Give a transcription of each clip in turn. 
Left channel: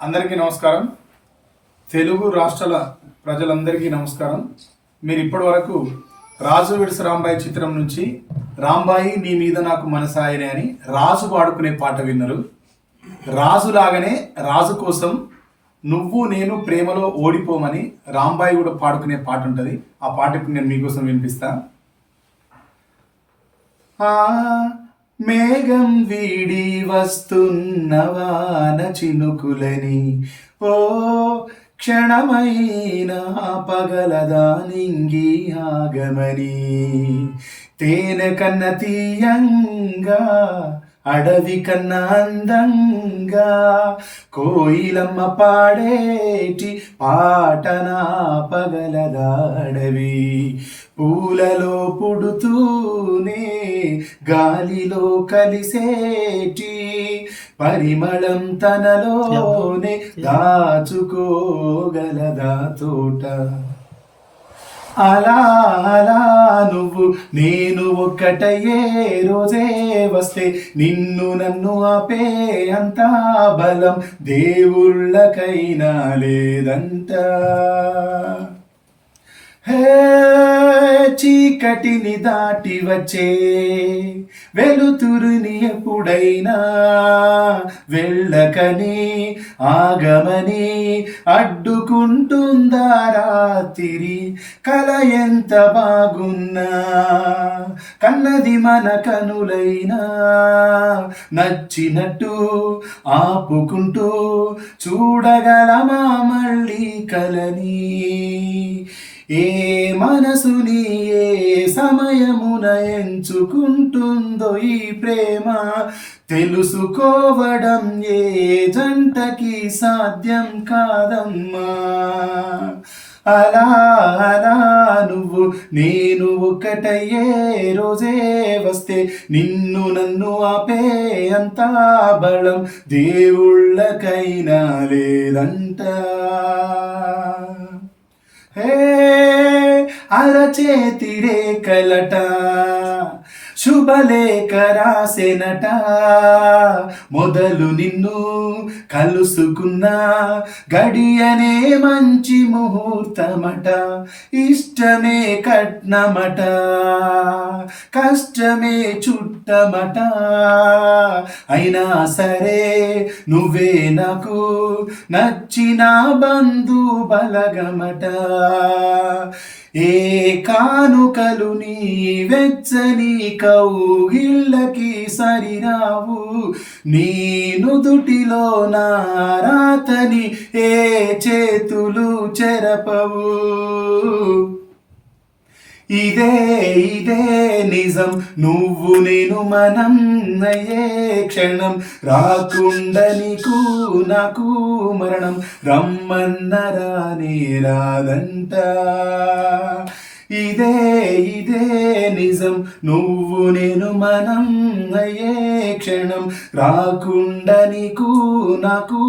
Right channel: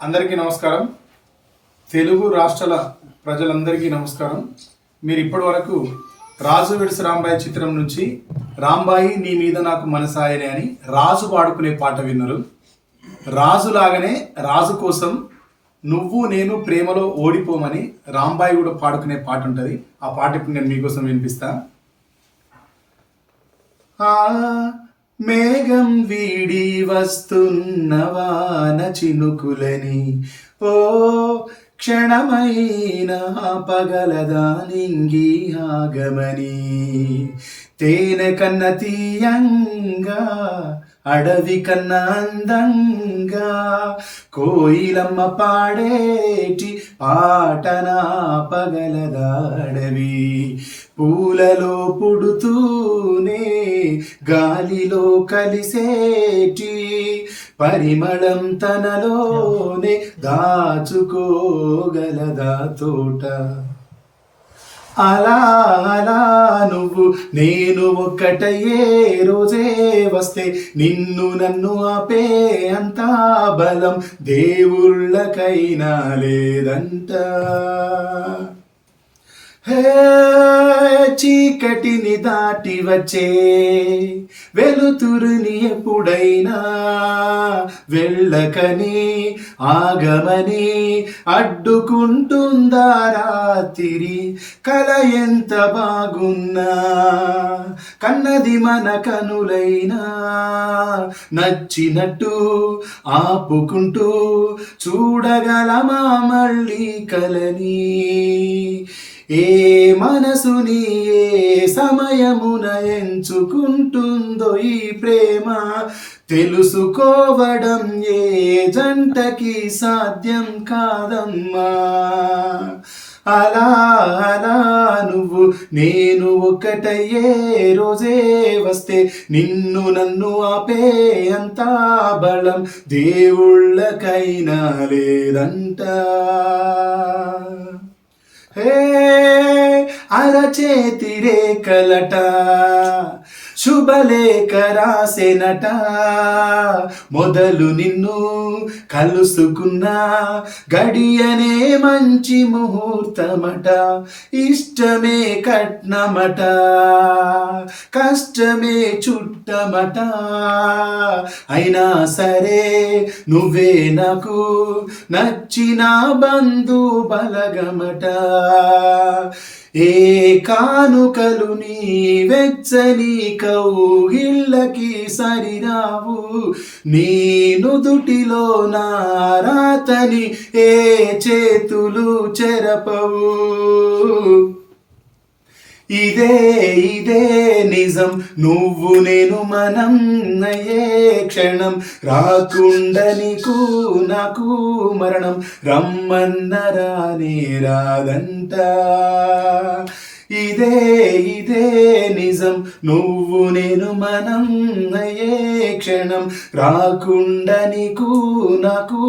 అందరికీ నమస్కారం. తెలుగు రాష్ట్రాల ప్రజలందరికీ నమస్కారం. మీరు ఇప్పటి వరకు రాజు వెడ్స్ రాంబాయి చిత్రం నుంచి రాంబాయి నీ మీద నాకు మనసాయనే అని రాజు పాడుకునే పాట విన్నారు. రాజులాగానే రాజు కోసం నువ్వు నేను ప్రేమలో ఓడిపోమని రాంబాయి కూడా పాడుకునే పాట ఉంటుంది. ఆ పాట ఇప్పుడు నేను మీకోసం వినిపిస్తా. మేఘం వీడి వస్తున్న వాన చినుకులని ఓ క్షణమైన పగలదా నింగి ఆగమని తేనె కన్న తీయంగా అడవి కన్నా అందంగా కోయిలమ్మ పాడేటి పాటనా పగలదాడవి పూలలో పుడుతూనే గాలిలో కలిసేటి పరిమళం తనలోనే దాచుకోగలదా తోట. అలా అలా నువ్వు నేను ఒక్కటయ్యే రోజే వస్తే నిన్ను నన్ను ఆపే అంత బలం దేవుళ్ళకైనా లేదంట. హే చీకటిని దాటి వచ్చే వెలుతురుని ఎప్పుడైనా వెళ్ళకని ఆగమని అడ్డుకుంటుందా రాత్రి కల ఎంత బాగున్నా కన్నది మన కనులైనా నచ్చినట్టు ఆపుకుంటూ చూడగలమా మళ్ళీ కలని. ఏ మనసుని ఏ సమయమున ఎంచుకుంటుందో ఈ ప్రేమ తెలుసుకోవడం ఏ జంటకి సాధ్యం కాదమ్మా. అలా అలా నువ్వు నేను ఒక్కటయ్యే రోజే వస్తే నిన్ను నన్ను ఆపే అంత బలం దేవుళ్ళకైనా లేదంట. హే అరచేతి రేఖలట శుభలేఖ రాసెనట మొదలు నిన్ను కలుసుకున్న గడియనే మంచి ముహూర్తమట. ఇష్టమే కట్నమట కష్టమే చుట్టమట అయినా సరే నువ్వే నాకు నచ్చిన బంధు బలగమట. ఏ కానుకలు నీ వెచ్చని కౌగిళ్ళకి సరిరావు నీ నుదుటిలో నా రాతని ఏ చేతులు చెరపవు. ఇదే ఇదే నిజం నువ్వు నేను మనం అయ్యే క్షణం రాకుండా నీకు నాకు మరణం రమ్మన్నరానే రాదంట. ఇదే ఇదే నిజం నువ్వు నేను మనం అయ్యే క్షణం రాకుండా నీకు నాకు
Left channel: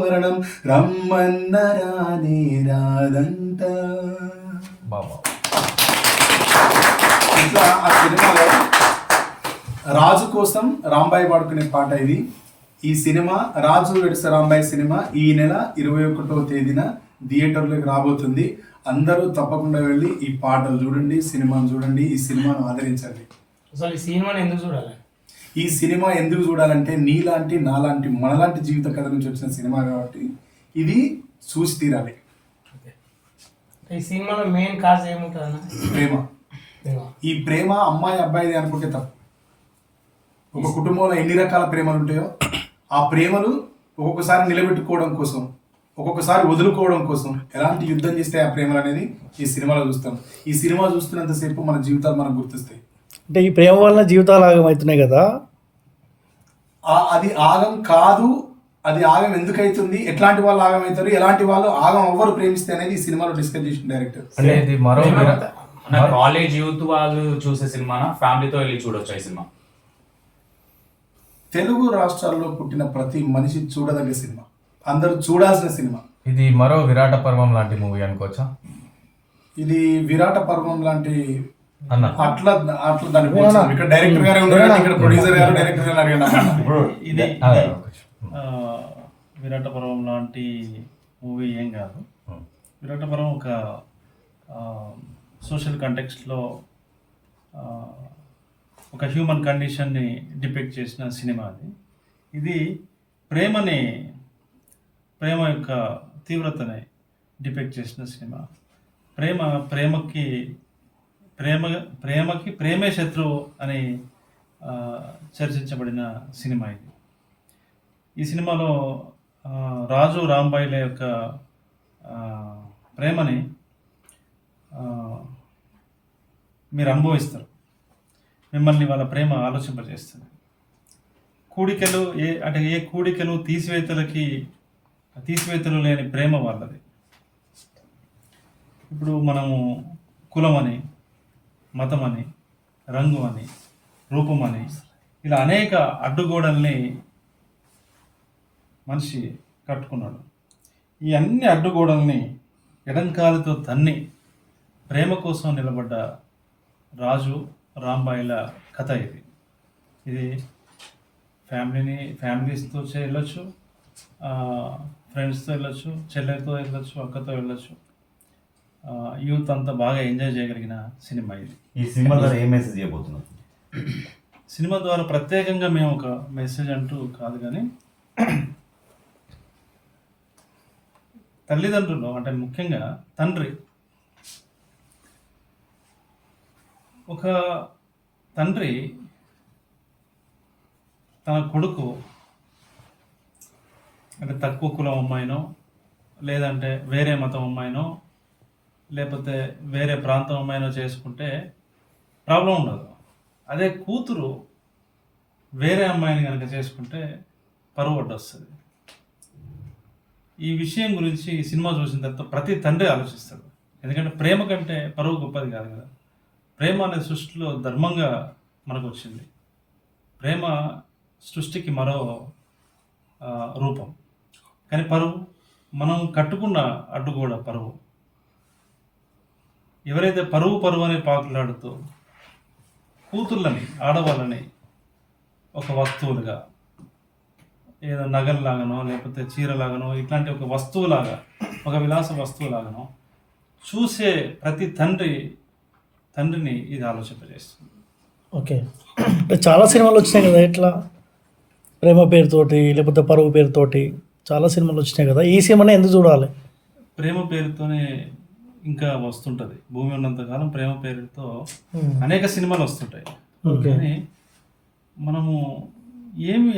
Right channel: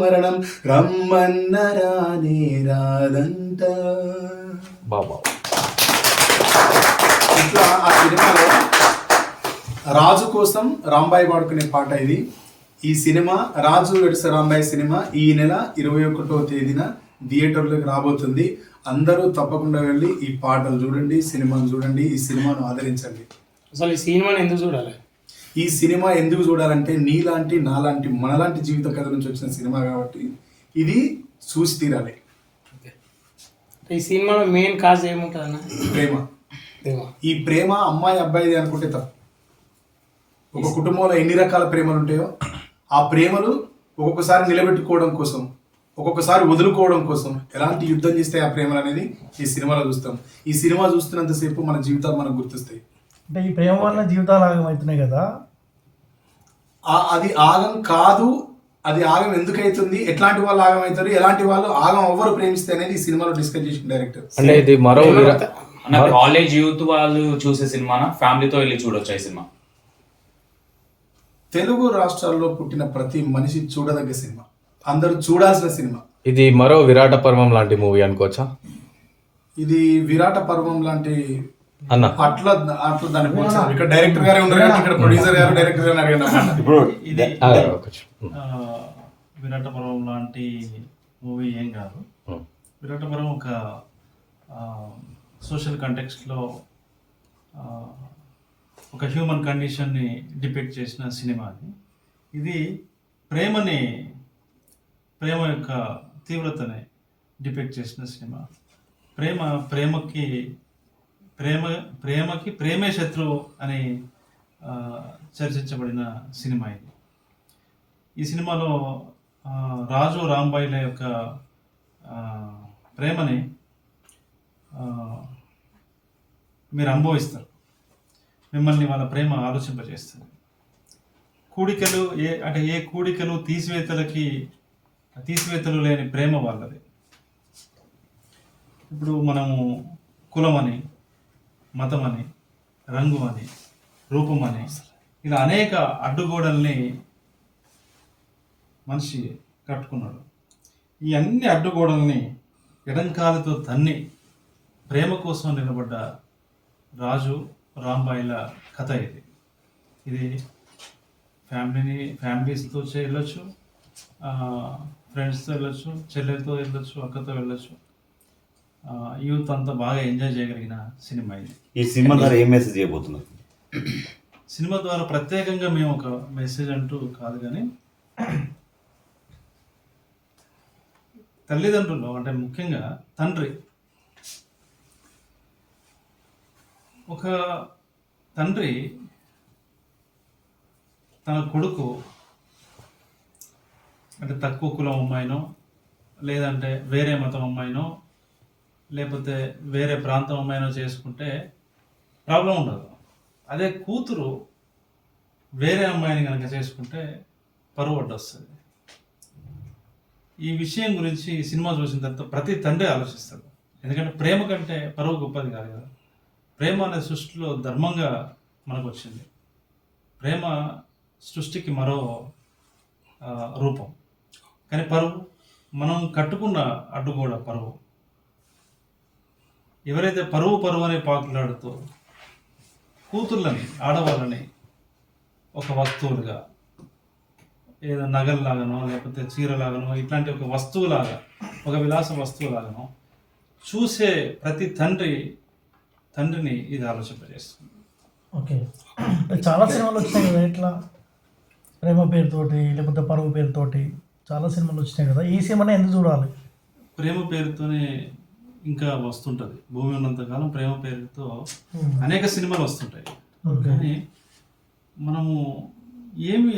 మరణం రమ్మన్నరానే రాదంట. బాబా ఇట్లా ఆ సినిమాలో రాజు కోసం రాంబాయి పాడుకునే పాట ఇది. ఈ సినిమా రాజు వెడ్స్ రాంబాయి సినిమా ఈ నెల 21వ తేదీన థియేటర్లోకి రాబోతుంది. అందరూ తప్పకుండా వెళ్ళి ఈ పాటలు చూడండి, సినిమాను చూడండి, ఈ సినిమాను ఆదరించండి. అసలు ఈ సినిమాని ఎందుకు చూడాలి? ఈ సినిమా ఎందుకు చూడాలంటే నీలాంటి నాలాంటి మనలాంటి జీవిత కథ నుంచి వచ్చిన సినిమా కాబట్టి ఇది చూసి తీరాలి. ఈ సినిమాలో మెయిన్ కాజ్ ఏముంటుంది? ప్రేమ. ఈ ప్రేమ అమ్మాయి అబ్బాయిది అనుకుంటే తప్పు. ఒక కుటుంబంలో ఎన్ని రకాల ప్రేమలు ఉంటాయో ఆ ప్రేమలు ఒక్కొక్కసారి నిలబెట్టుకోవడం కోసం, ఒక్కొక్కసారి వదులుకోవడం కోసం ఎలాంటి యుద్ధం చేస్తే ఆ ప్రేమలు అనేది ఈ సినిమాలో చూస్తాం. ఈ సినిమా చూస్తున్నంతసేపు మన జీవితాలు మనకు గుర్తొస్తాయి. అంటే ఈ ప్రేమ వల్ల జీవితాలు ఆగమవుతున్నాయి కదా. అది ఆగం కాదు. అది ఆగం ఎందుకు అవుతుంది, ఎట్లాంటి వాళ్ళు ఆగం అవుతారు, ఎలాంటి వాళ్ళు ఆగం ఎవ్వరు ప్రేమిస్తే అనేది ఈ సినిమాలో డిస్కస్ చేసిన డైరెక్టర్. అనేది మరో కాలేజ్ యూత్ వాళ్ళు చూసే సినిమానా, ఫ్యామిలీతో వెళ్ళి చూడొచ్చు ఈ సినిమా? తెలుగు రాష్ట్రాల్లో పుట్టిన ప్రతి మనిషి చూడదగ్గ సినిమా, అందరూ చూడాల్సిన సినిమా. ఇది మరో విరాట పర్వం లాంటి మూవీ అనుకోవచ్చా? ఇది విరాట పర్వం లాంటి అన్న అట్లా అట్లా దాన్ని పోల్చాలి. ఇక్కడ డైరెక్టర్ గారే ఉన్నారు, ఇక్కడ ప్రొడ్యూసర్ గారు డైరెక్టర్ గారు అడిగారు. ఇప్పుడు ఇది విరాట పర్వం లాంటి మూవీ ఏం కాదు. Hmm. విరాట పర్వం ఒక సోషల్ కంటెక్స్ట్లో ఒక హ్యూమన్ కండిషన్ని డిపెక్ట్ చేసిన సినిమా అది. ఇది ప్రేమ యొక్క తీవ్రతని డిపెక్ట్ చేసిన సినిమా. ప్రేమకి ప్రేమే శత్రువు అని చర్చించబడిన సినిమా ఇది. ఈ సినిమాలో రాజు రాంబాయిల యొక్క ప్రేమని మీరు అనుభవిస్తారు. మిమ్మల్ని వాళ్ళ ప్రేమ ఆలోచింపజేస్తుంది. ఏ కూడికలు తీసివేతలు లేని ప్రేమ వాళ్ళది. ఇప్పుడు మనము కులమని, మతమని, రంగు అని, రూపమని ఇలా అనేక అడ్డుగోడల్ని మనిషి కట్టుకున్నాడు. ఈ అన్ని అడ్డుగోడల్ని ఎడంకాలతో తన్ని ప్రేమ కోసం నిలబడ్డ రాజు రాంబాయిల కథ ఇది ఫ్యామిలీస్తో వెళ్ళొచ్చు, ఫ్రెండ్స్తో వెళ్ళొచ్చు, చెల్లెలతో వెళ్ళొచ్చు, అక్కతో వెళ్ళొచ్చు. యూత్ అంతా బాగా ఎంజాయ్ చేయగలిగిన సినిమా ఇది. ఈ సినిమా ద్వారా ఏం మెసేజ్ చేయబోతున్నారు? సినిమా ద్వారా ప్రత్యేకంగా మేము ఒక మెసేజ్ అంటూ కాదు, కానీ తల్లిదండ్రులు అంటే ముఖ్యంగా ఒక తండ్రి తన కొడుకు అంటే తక్కువ కులం అమ్మాయినో, లేదంటే వేరే మతం అమ్మాయినో, లేకపోతే వేరే ప్రాంతం అమ్మాయినో చేసుకుంటే ప్రాబ్లం ఉండదు. అదే కూతురు వేరే అమ్మాయిని కనుక చేసుకుంటే పరువు అడ్డొస్తుంది. ఈ విషయం గురించి ఈ సినిమా చూసిన తర్వాత ప్రతి తండ్రి ఆలోచిస్తాడు. ఎందుకంటే ప్రేమ కంటే పరువు గొప్పది కాదు కదా. ప్రేమ అనే సృష్టిలో ధర్మంగా మనకు వచ్చింది. ప్రేమ సృష్టికి మరో రూపం. కానీ పరువు మనం కట్టుకున్న అడ్డుగోడ పరువు. ఎవరైతే పరువు అనే పాకులాడుతూ కూతుర్లని, ఆడవాళ్ళని ఒక వస్తువులుగా, ఏదో నగల్లాగానో లేకపోతే చీరలాగానో ఇట్లాంటి ఒక వస్తువులాగా, ఒక విలాస వస్తువులాగానో చూసే ప్రతి తండ్రిని ఇది ఆలోచింపజేస్తుంది. ఓకే, అంటే చాలా సినిమాలు వచ్చినాయి కదా, ఇట్లా ప్రేమ పేరుతోటి లేకపోతే పరువు పేరుతోటి చాలా సినిమాలు వచ్చినాయి కదా. ఈ సినిమాని ఎందుకు చూడాలి? ప్రేమ పేరుతోనే ఇంకా వస్తుంటుంది. భూమి ఉన్నంతకాలం ప్రేమ పేరుతో అనేక సినిమాలు వస్తుంటాయి. కానీ మనము ఏమి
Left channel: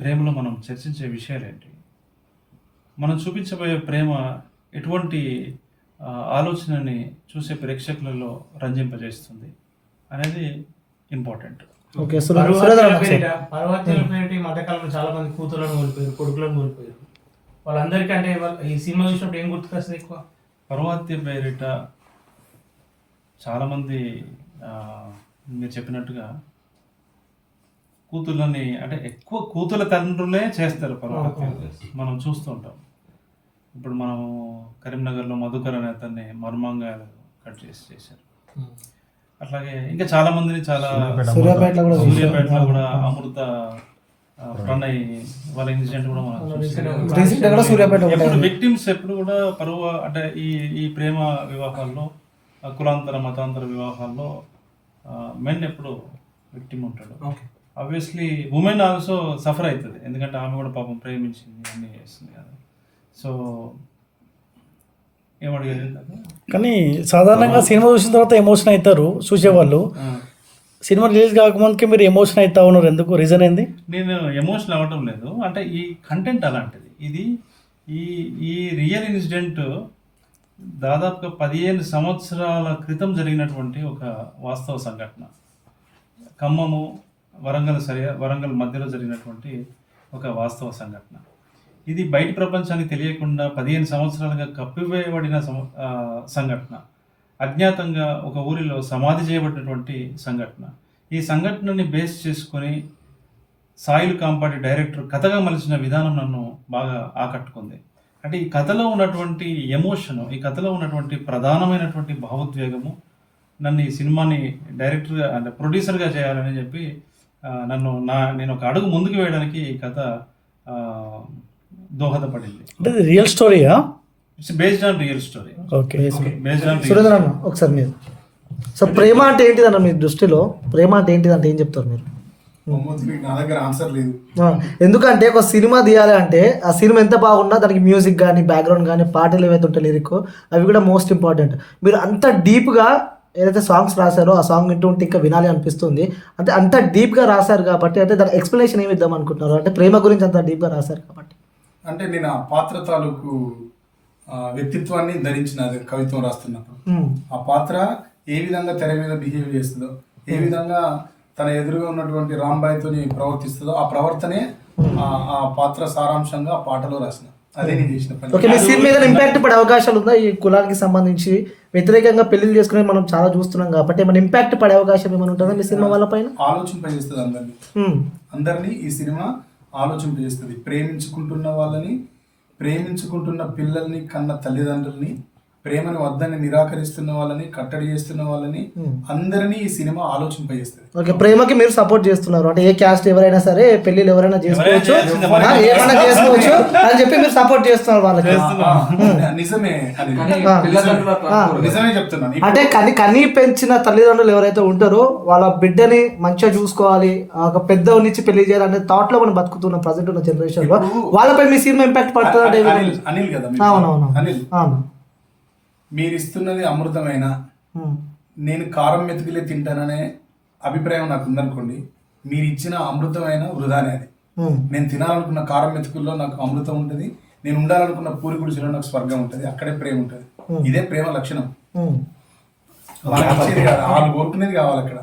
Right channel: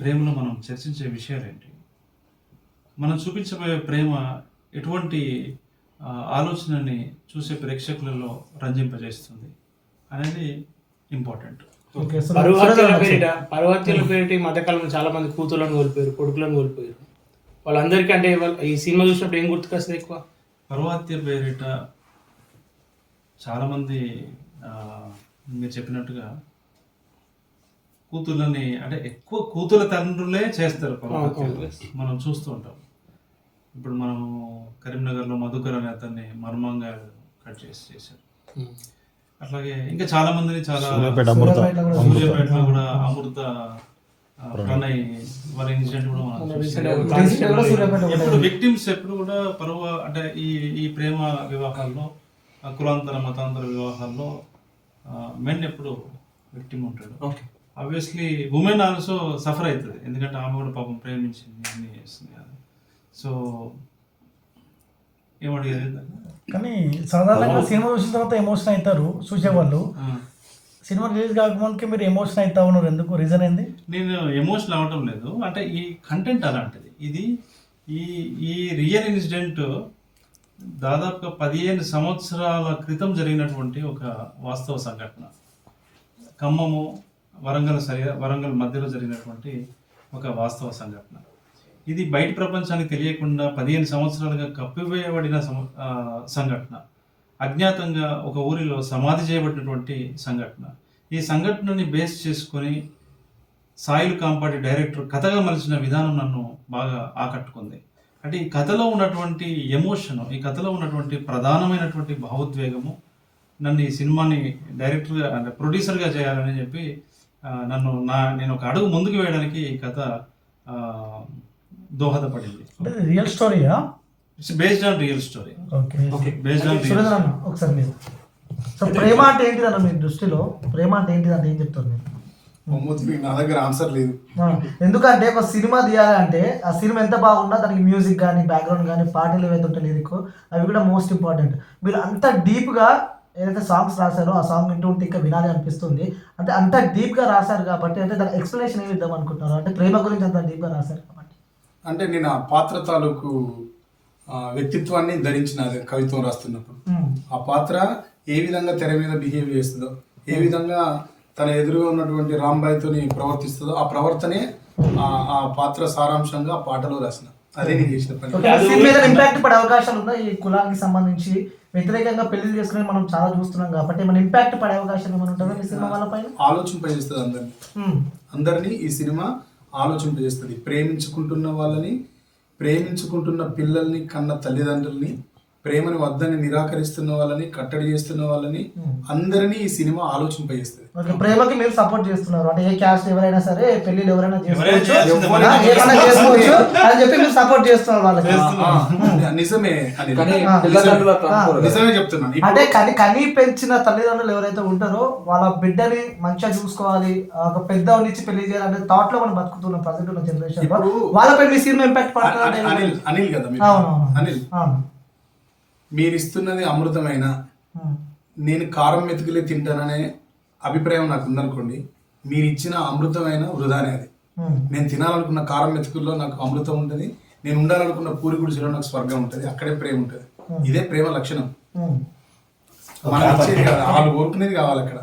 ప్రేమలో మనం చర్చించే విషయాలు ఏంటి, మనం చూపించబోయే ప్రేమ ఎటువంటి ఆలోచనని చూసే ప్రేక్షకులలో రంజింపజేస్తుంది అనేది ఇంపార్టెంట్. ఓకే, పర్వతాల పేరిట ఈ మధ్యకాలంలో చాలా మంది కూతుర్లను కోల్పోయారు, కొడుకులను కోల్పోయారు. వాళ్ళందరికీ అంటే ఈ సినిమా చూసినప్పుడు ఏం గుర్తుకొస్తుంది ఎక్కువ? పర్వతాల పేరిట చాలామంది మీరు చెప్పినట్టుగా కూతుర్లని అంటే ఎక్కువ కూతుల తండ్రులే చేస్తారు పర్వతాలు. మనం చూస్తూ ఉంటాం. ఇప్పుడు మనము కరీంనగర్లో మధుకర్ అనే అతన్ని మర్మంగా కట్ చేశారు. అట్లాగే ఇంకా చాలా మందిని సూర్యాపేటలో కూడా అమృత ప్రణయ్ వాళ్ళ ఇన్సిడెంట్ కూడా మనం ఎప్పుడు విక్టిమ్స్ ఎప్పుడు కూడా పరువు అంటే ఈ ప్రేమ వివాహాల్లో, కులాంతర మతాంతర వివాహాల్లో మెన్ ఎప్పుడు విక్టిమ్ ఉంటాడు. ఆబ్వియస్లీ ఉమెన్ ఆల్సో సఫర్ అవుతుంది, ఎందుకంటే ఆమె కూడా పాపం ప్రేమించింది అన్నీ చేస్తుంది కదా. సో ఏమడిగేది కానీ సాధారణంగా సినిమా చూసిన తర్వాత ఎమోషన్ అవుతారు చూసేవాళ్ళు. సినిమా రిలీజ్ కాకముందుకే మీరు ఎమోషన్ అవుతా ఉన్నారు, ఎందుకు? రీజన్ ఏంది? నేను ఎమోషనల్ అవ్వటం లేదు, అంటే ఈ కంటెంట్ అలాంటిది. ఇది ఈ రియల్ ఇన్సిడెంట్ దాదాపుగా 15 సంవత్సరాల క్రితం జరిగినటువంటి ఒక వాస్తవ సంఘటన. ఖమ్మము వరంగల్ మధ్యలో జరిగినటువంటి ఒక వాస్తవ సంఘటన. ఇది బయట ప్రపంచానికి తెలియకుండా 15 సంవత్సరాలుగా కప్పివేయబడిన సంఘటన. అజ్ఞాతంగా ఒక ఊరిలో సమాధి చేయబడినటువంటి సంఘటన. ఈ సంఘటనని బేస్ చేసుకొని సాయిల్ కాంపాటి డైరెక్టర్ కథగా మలిచిన విధానం నన్ను బాగా ఆకట్టుకుంది. అంటే ఈ కథలో ఉన్నటువంటి ఎమోషన్, ఈ కథలో ఉన్నటువంటి ప్రధానమైనటువంటి భావోద్వేగము నన్ను ఈ సినిమాని డైరెక్టర్గా అంటే ప్రొడ్యూసర్గా చేయాలని చెప్పి నేను ఒక అడుగు ముందుకు వేయడానికి ఈ కథ దోహదపడింది. అంటే ఇది రియల్ స్టోరీయా? It's based on real story. Okay. Based on Surendra అన్న ఒకసారి మీరు సో ప్రేమ అంటే ఏంటిదన్న మీ దృష్టిలో? ప్రేమ అంటే ఏంటిది అంటే ఏం చెప్తారు మీరు? నా దగ్గర ఆన్సర్ లేదు. ఎందుకంటే ఒక సినిమా తీయాలి అంటే ఆ సినిమా ఎంత బాగున్నా దానికి మ్యూజిక్ కానీ బ్యాక్గ్రౌండ్ కానీ పాటలు ఏవైతే ఉంటాయి లిరిక్ అవి కూడా మోస్ట్ ఇంపార్టెంట్. మీరు అంత డీప్గా ఏదైతే సాంగ్స్ రాశారో ఆ సాంగ్ వింటుంటే ఇంకా వినాలి అనిపిస్తుంది. అంటే అంత డీప్గా రాశారు కాబట్టి అంటే దాని ఎక్స్ప్లెనేషన్ ఏమి ఇద్దాం అనుకుంటున్నారు? అంటే ప్రేమ గురించి అంత డీప్గా రాశారు కాబట్టి. అంటే నేను ఆ పాత్ర తాలూకు వ్యక్తిత్వాన్ని ధరించిన కవిత్వం రాస్తున్నప్పుడు ఆ పాత్ర ఏ విధంగా తెర మీద బిహేవ్ చేస్తుందో, ఏ విధంగా తన ఎదురుగా ఉన్నటువంటి రాంబాయ్తోని ప్రవర్తిస్తుందో ఆ ప్రవర్తనే ఆ పాత్ర సారాంశంగా ఆ పాటలో రాసిన. అదే నేను చేసిన పని. ఓకే, మీ సీన్ మీద ఇంపాక్ట్ పడే అవకాశాలు ఉందా? ఈ కులానికి సంబంధించి వ్యతిరేకంగా పెళ్లి చేసుకునే మనం చాలా చూస్తున్నాం కాబట్టి ఏమైనా ఇంపాక్ట్ పడే అవకాశం ఏమైనా ఉంటుందా మీ సినిమా వాళ్ళ పైన? ఆలోచింపజేస్తుంది అందరినీ ఈ సినిమా ఆలోచింపజేస్తుంది. ప్రేమించుకుంటున్న వాళ్ళని, ప్రేమించుకుంటున్న పిల్లల్ని కన్న తల్లిదండ్రుల్ని, ప్రేమని వద్దని నిరాకరిస్తున్న వాళ్ళని, కట్టడి చేస్తున్న వాళ్ళని అందరినీ ఈ సినిమా ఆలోచింపజేస్తుంది. ఓకే, ప్రేమకి మీరు సపోర్ట్ చేస్తున్నారు అంటే ఏ క్యాస్ట్ ఎవరైనా సరే పెళ్లిళ్ళు ఎవరైనా చేసుకోవచ్చు అని చెప్పి మీరు సపోర్ట్ చేస్తున్నారు వాళ్ళకి. నిజమే నిజమే చెప్తున్నాను. అంటే కని పెంచిన తల్లిదండ్రులు ఎవరైతే ఉంటారో వాళ్ళ బిడ్డని మంచిగా చూసుకోవాలి, ఒక పెద్దవాళ్ళనిచ్చి పెళ్లి చేయాలనే థాట్ లో మనం బతుకుతున్నాం ప్రజెంట్ ఉన్న జనరేషన్ లో. వాళ్ళపై మీ సినిమా ఇంపాక్ట్ పడుతుంది. అనిల్ కదా అవునవును అనిల్, మీరు ఇస్తున్నది అమృతమైన, నేను కారం మెతుకులే తింటాననే అభిప్రాయం నాకు ఉందనుకోండి, మీరు ఇచ్చిన అమృతమైన వృధానే అది. నేను తినాలనుకున్న కారం మెతుకుల్లో నాకు అమృతం ఉంటుంది, నేను ఉండాలనుకున్న పూరి గుడిసెలో నాకు స్వర్గం ఉంటుంది, అక్కడే ప్రేమ ఉంటుంది. ఇదే ప్రేమ లక్షణం. మనం ఇచ్చేది కాదు, వాళ్ళు కోరుకునేది కావాలి అక్కడ.